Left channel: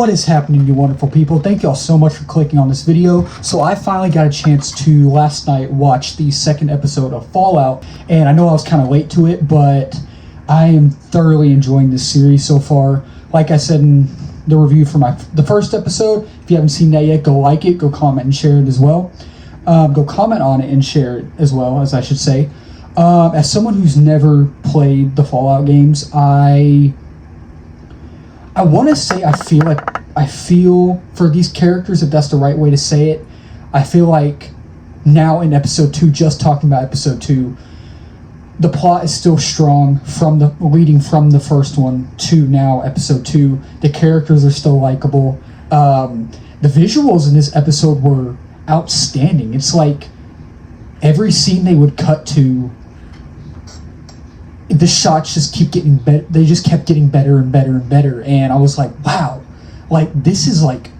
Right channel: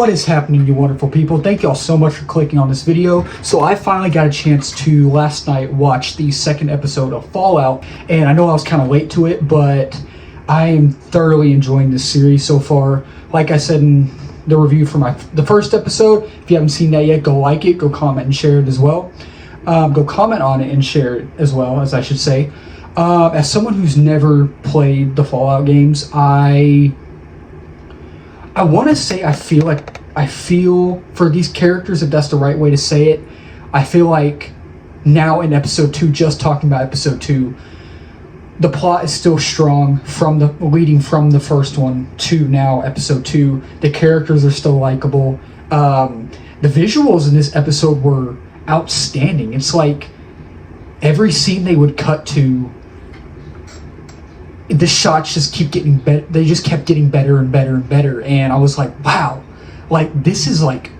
What is happening, you wonderful people? Thank y'all so much for clicking on this video. So I finally got a chance to last night watch the second episode of Fallout, and I know I was kind of late to it, but I am thoroughly enjoying this series so far. Like I said in the review for the first episode, if you haven't seen that yet, go like it, go comment and share it as well. Go comment on it and share it as well, as I should say. As someone who's never played the Fallout games, I want to say I feel for these characters, if that's the right way to say it. I feel like now in episode 2, just talking about episode 2, the plot is still strong leading from the first one to now episode 2. The characters are still likable. The visuals in this episode were outstanding. It's like every scene they would cut to, the shots just keep getting better. They just kept getting better and better and better. And I was like, wow, like this is like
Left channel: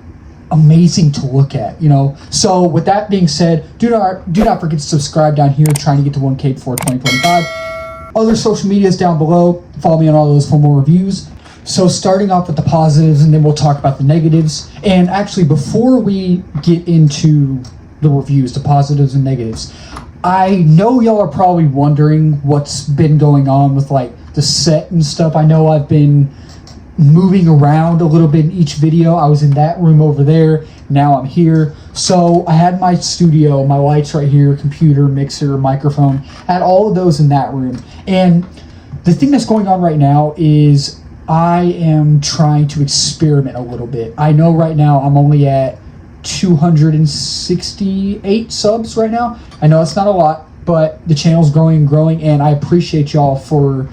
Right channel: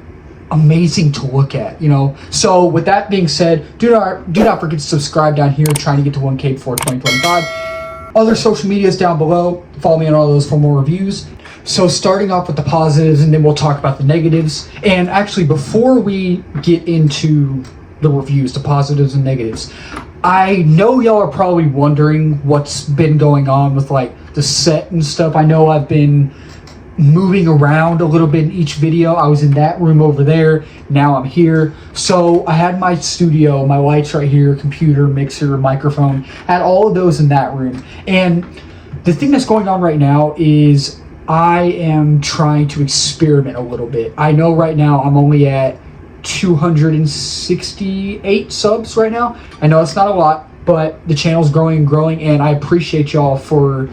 amazing to look at, you know? So with that being said, do not forget to subscribe down here, trying to get to 1K before 2025. Other social medias down below. Follow me on all those for more reviews. So starting off with the positives, and then we'll talk about the negatives. And actually, before we get into the reviews, the positives and negatives, I know y'all are probably wondering what's been going on with like the set and stuff. I know I've been moving around a little bit in each video. I was in that room over there, now I'm here. So I had my studio, my lights right here, computer, mixer, microphone, had all of those in that room. And the thing that's going on right now is I am trying to experiment a little bit. I know right now I'm only at 268 subs right now. I know it's not a lot, but the channel's growing and growing, and I appreciate y'all for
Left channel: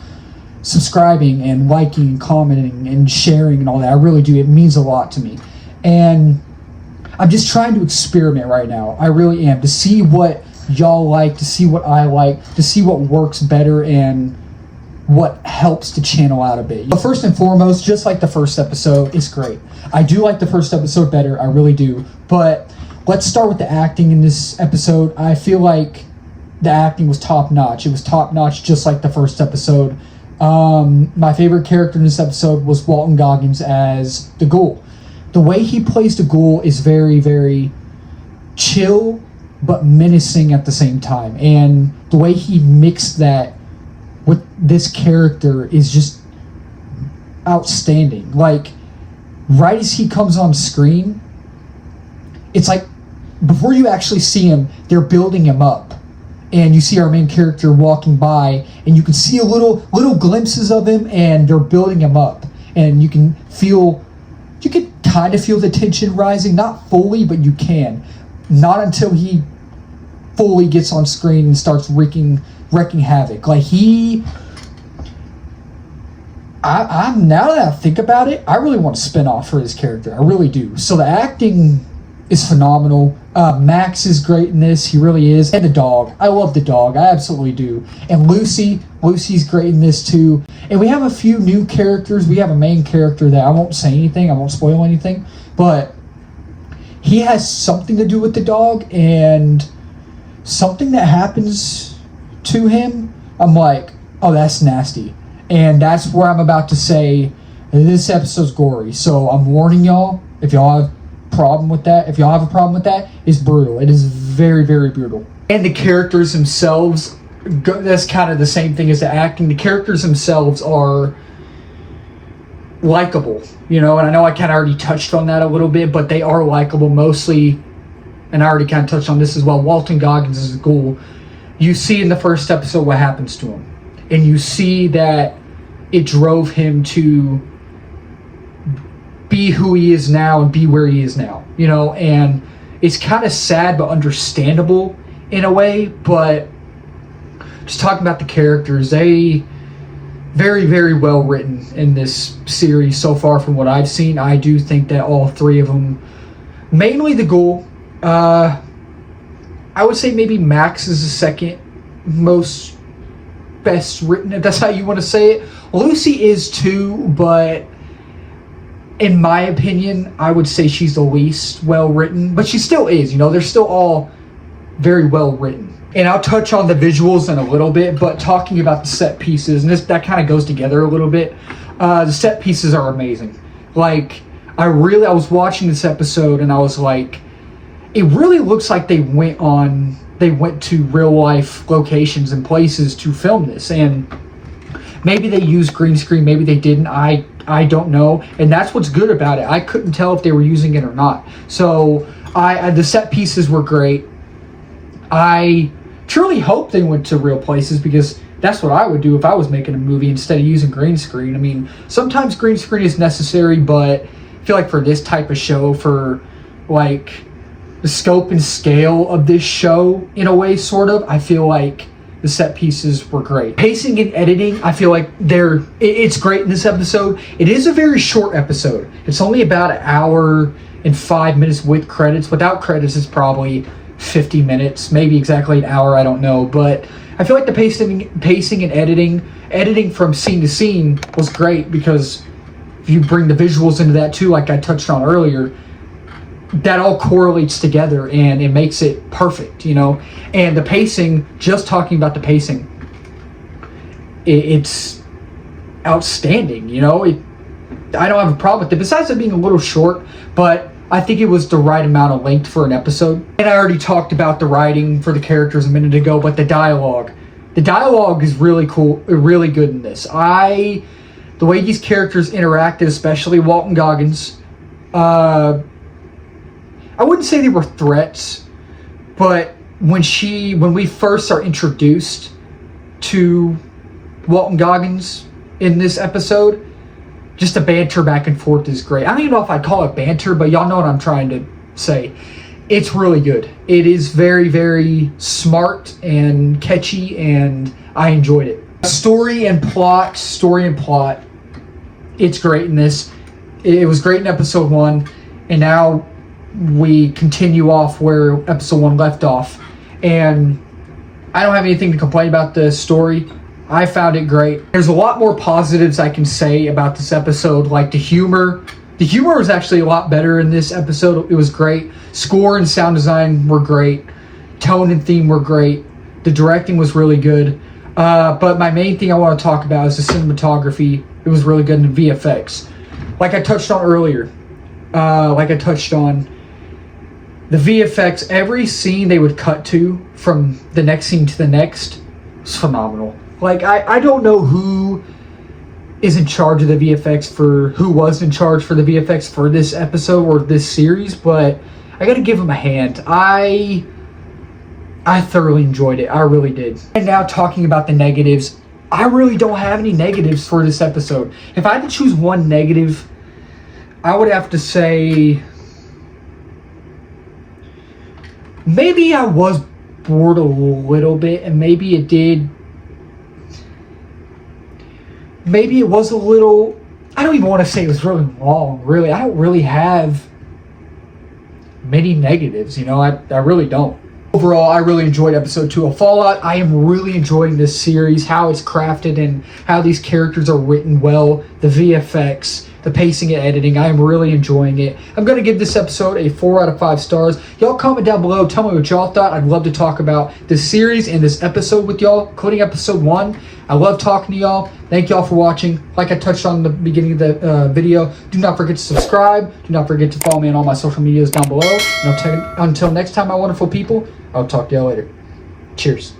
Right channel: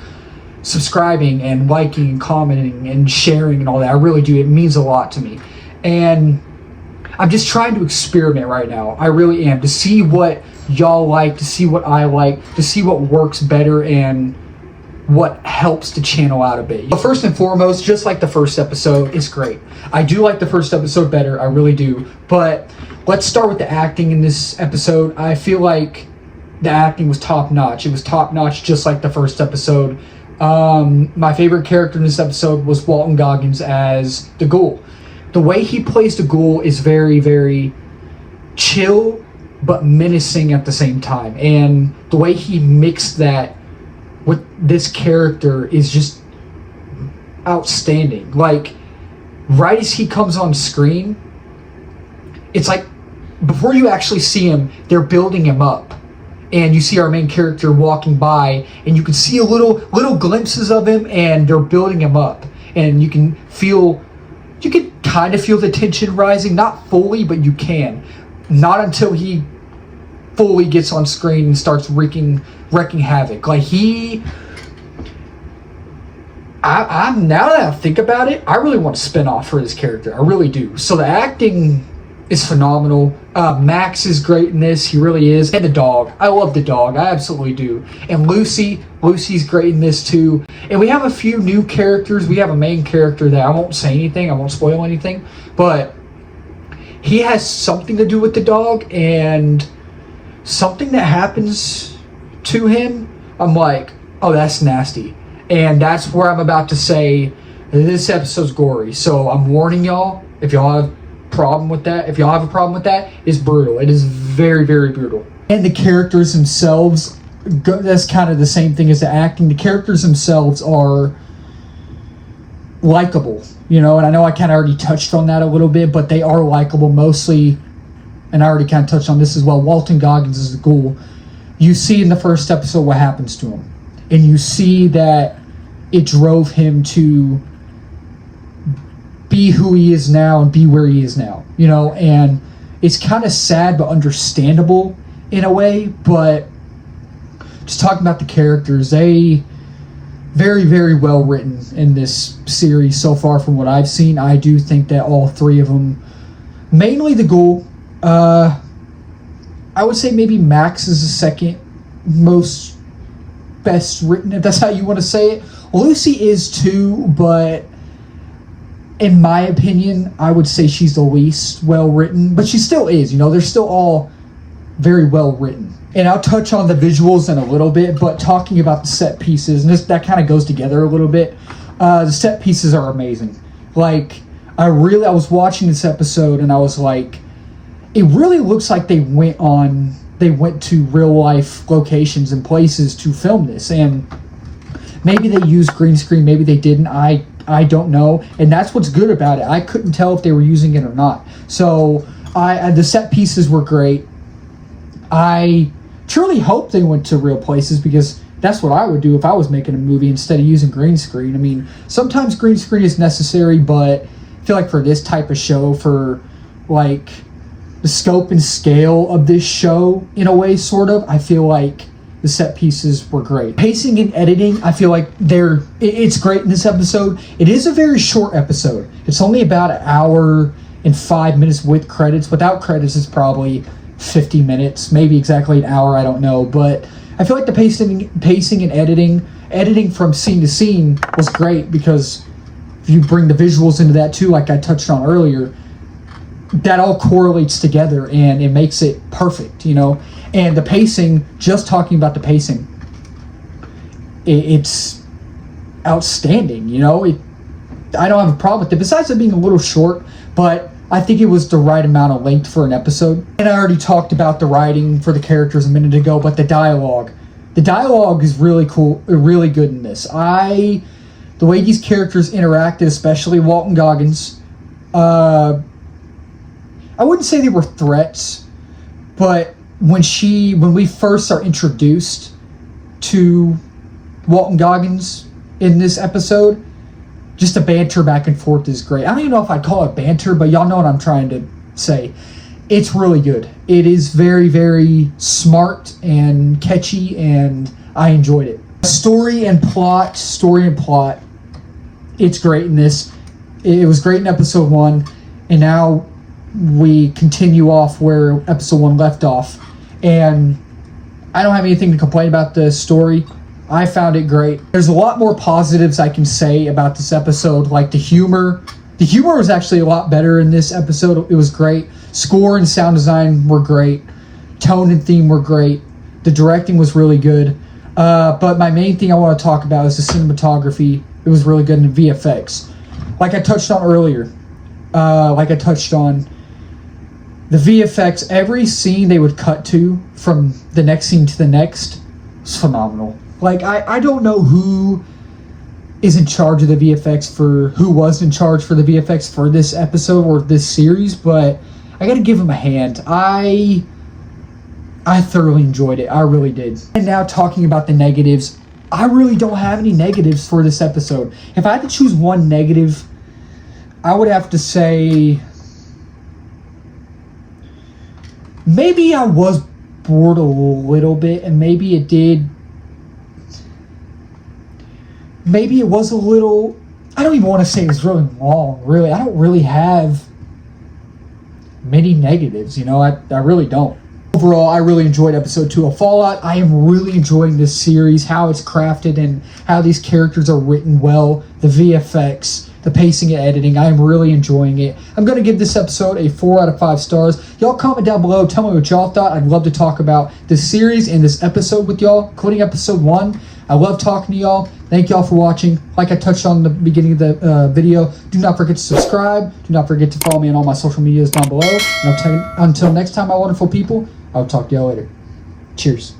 subscribing and liking and commenting and sharing and all that. I really do. It means a lot to me. And I'm just trying to experiment right now. I really am, to see what y'all like, to see what I like, to see what works better and what helps the channel out a bit. But first and foremost, just like the first episode, it's great. I do like the first episode better, I really do. But let's start with the acting in this episode. I feel like the acting was top notch. It was top notch, just like the first episode. My favorite character in this episode was Walton Goggins as the Ghoul. The way he plays the Ghoul is very, very chill, but menacing at the same time. And the way he mixed that with this character is just outstanding. Like, right as he comes on screen, it's like before you actually see him, they're building him up, and you see our main character walking by, and you can see little glimpses of him, and they're building him up, and you can kind of feel the tension rising, not fully, but you can. Not until he fully gets on screen and starts wreaking havoc. Like I'm now that I think about it, I really want to spin off for his character. I really do. So the acting is phenomenal. Max is great in this. He really is. And the dog. I love the dog. I absolutely do. And Lucy's great in this too. And we have a few new characters. We have a main character that I won't say anything. I won't spoil anything. But he has something to do with the dog, and something that happens to him, I'm like, oh, that's nasty. And that's where I'm about to say this episode's gory. So I'm warning y'all, if y'all have a problem with that, it's brutal. It is very, very brutal. And the characters themselves, that's kind of the same thing as the acting. The characters themselves are likable, you know, and I know I kind of already touched on that a little bit, but they are likable mostly. And I already kind of touched on this as well. Walton Goggins is the Ghoul. You see in the first episode what happens to him. And you see that it drove him to be who he is now and be where he is now, you know. And it's kind of sad but understandable in a way. But just talking about the characters, they very, very well written in this series so far from what I've seen. I do think that all three of them, mainly the Ghoul, I would say maybe Max is the second most best written, if that's how you want to say it. Lucy is too, but in my opinion, I would say she's the least well written, but she still is, you know, they're still all very well written. And I'll touch on the visuals in a little bit, but talking about the set pieces, and that kind of goes together a little bit, the set pieces are amazing. Like, I was watching this episode and I was like, it really looks like they went to real life locations and places to film this, and maybe they used green screen, maybe they didn't. I don't know, and that's what's good about it. I couldn't tell if they were using it or not. So the set pieces were great. I truly hope they went to real places, because that's what I would do if I was making a movie instead of using green screen. I mean, sometimes green screen is necessary, but I feel like for this type of show, for like the scope and scale of this show, in a way, sort of, I feel like the set pieces were great. Pacing and editing, I feel like it's great in this episode. It is a very short episode. It's only about an hour and 5 minutes with credits. Without credits, it's probably 50 minutes, maybe exactly an hour, I don't know. But I feel like the pacing and editing from scene to scene was great, because if you bring the visuals into that too, like I touched on earlier, that all correlates together and it makes it perfect, you know. And the pacing, just talking about the pacing, it's outstanding, you know. I don't have a problem with it, besides it being a little short, but I think it was the right amount of length for an episode. And I already talked about the writing for the characters a minute ago, but the dialogue is really cool, really good in this. The way these characters interacted, especially Walton Goggins, I wouldn't say they were threats, but when we first are introduced to Walton Goggins in this episode, just the banter back and forth is great. I don't even know if I'd call it banter, but y'all know what I'm trying to say. It's really good. It is very, very smart and catchy, and I enjoyed it. Story and plot, it's great in this. It was great in episode 1, and now we continue off where episode 1 left off, and I don't have anything to complain about the story. I found it great. There's a lot more positives I can say about this episode, like the humor. The humor was actually a lot better in this episode. It was great. Score and sound design were great. Tone and theme were great. The directing was really good. But my main thing I want to talk about is the cinematography. It was really good in the VFX. Like I touched on earlier, the VFX, every scene they would cut to from the next scene to the next was phenomenal. Like, I don't know who is in charge of the VFX who was in charge for the VFX for this episode or this series, but I gotta give them a hand. I thoroughly enjoyed it. I really did. And now talking about the negatives, I really don't have any negatives for this episode. If I had to choose one negative, I would have to say maybe I was bored a little bit, and maybe it was a little, I don't even want to say it was really long, really. I don't really have many negatives, you know, I really don't. Overall, I really enjoyed episode 2 of Fallout. I am really enjoying this series, how it's crafted and how these characters are written well, the VFX, the pacing and editing. I am really enjoying it. I'm going to give this episode a 4 out of 5 stars. Y'all comment down below. Tell me what y'all thought. I'd love to talk about this series and this episode with y'all, including episode 1. I love talking to y'all. Thank y'all for watching. Like I touched on in the beginning of the video, do not forget to subscribe. Do not forget to follow me on all my social medias down below. And until next time, my wonderful people, I'll talk to y'all later. Cheers.